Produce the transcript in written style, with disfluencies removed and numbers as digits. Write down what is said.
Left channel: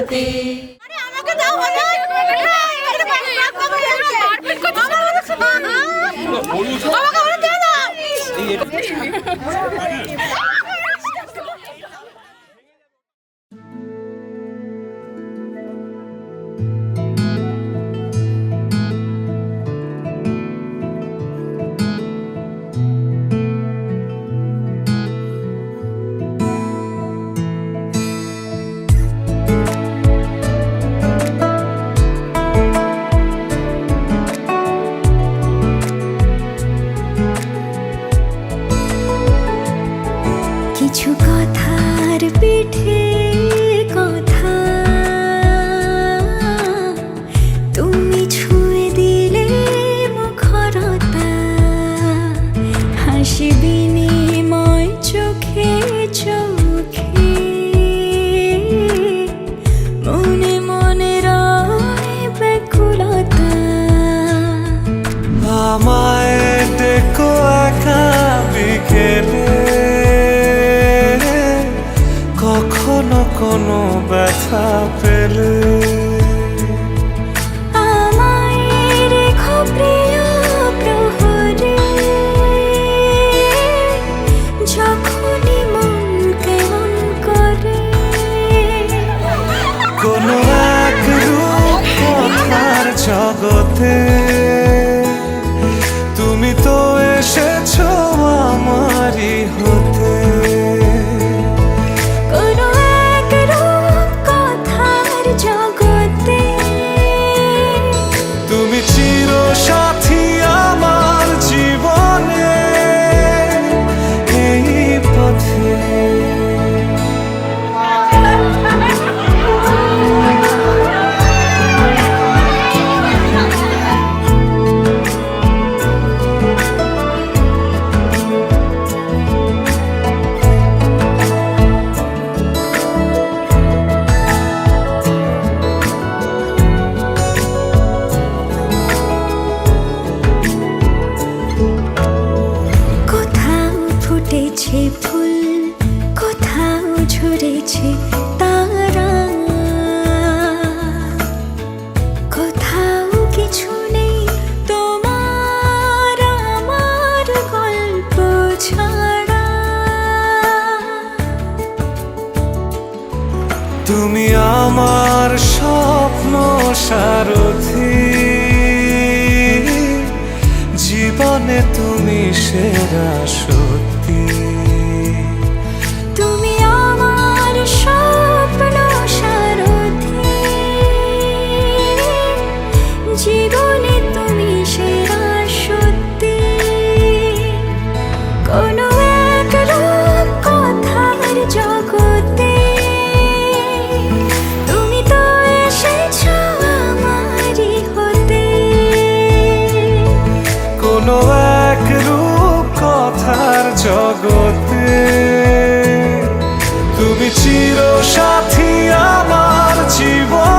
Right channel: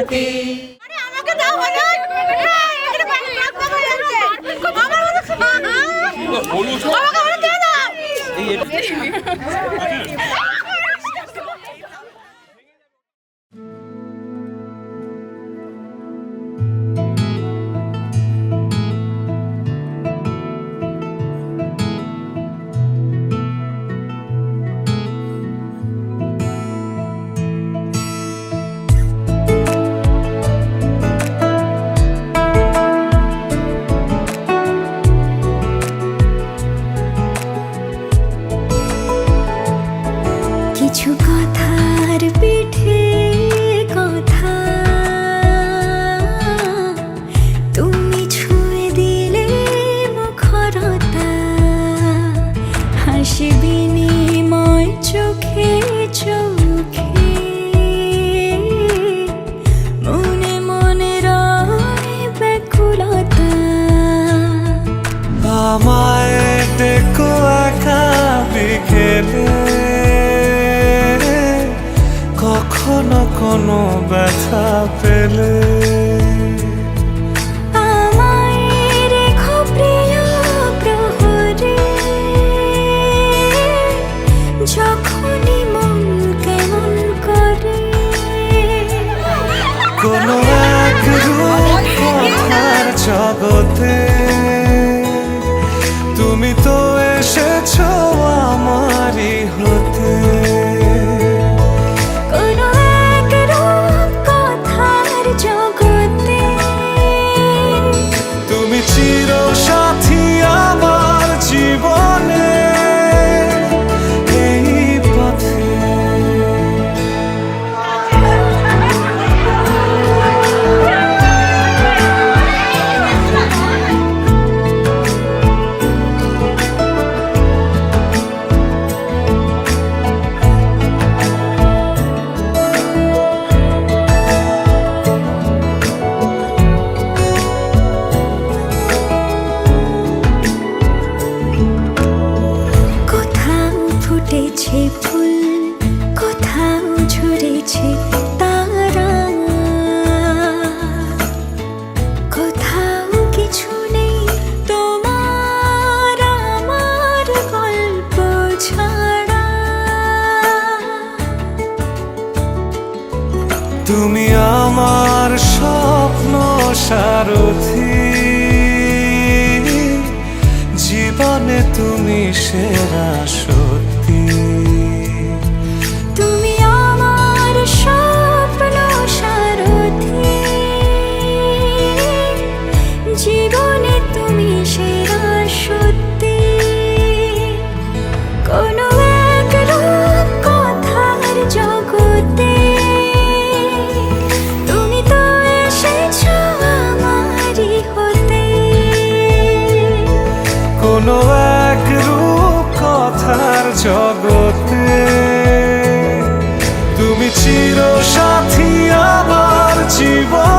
রাতে। আমাকে দাও হলো এখানে পানি টক টক হয়ে যাচ্ছে আমার আমাকে বলে দে না কিছু কথার পিঠে কথা তুমি ছুঁয়ে দিলে মুখরতা হাসি বিনিময় চোখে চোখে মনে মনে রয় ব্যাকুলতা আমায় ডেকো একা বিকেলে কখনো কোনো ব্যথা পেলে আমায় রেখো প্রিয় প্রহরে যখনই মন কেমন করে কোনো এক রূপ কথার জগতে তুমি তো এসেছো আমারই হতে কোনো এক রূপ কথার জগতে তুমি চির সাথী আমার জীবনে এই পথে ফুটেছে ফুল কোথাও ঝরেছে তারা কোথাও কিছু নেই তোমার আমার গল্প ছাড়া তুমি আমার স্বপ্ন সারথি জীবনে তুমি সেরা সত্যি তুমি আমার স্বপ্ন সারথি জীবনে তুমি সেরা সত্যি কোনো এক রূপ কথার জগতে তুমি তো এসেছো আমারই হতে কোনো এক রূপ কথার জগতে তুমি চির সাথী আমার জীবন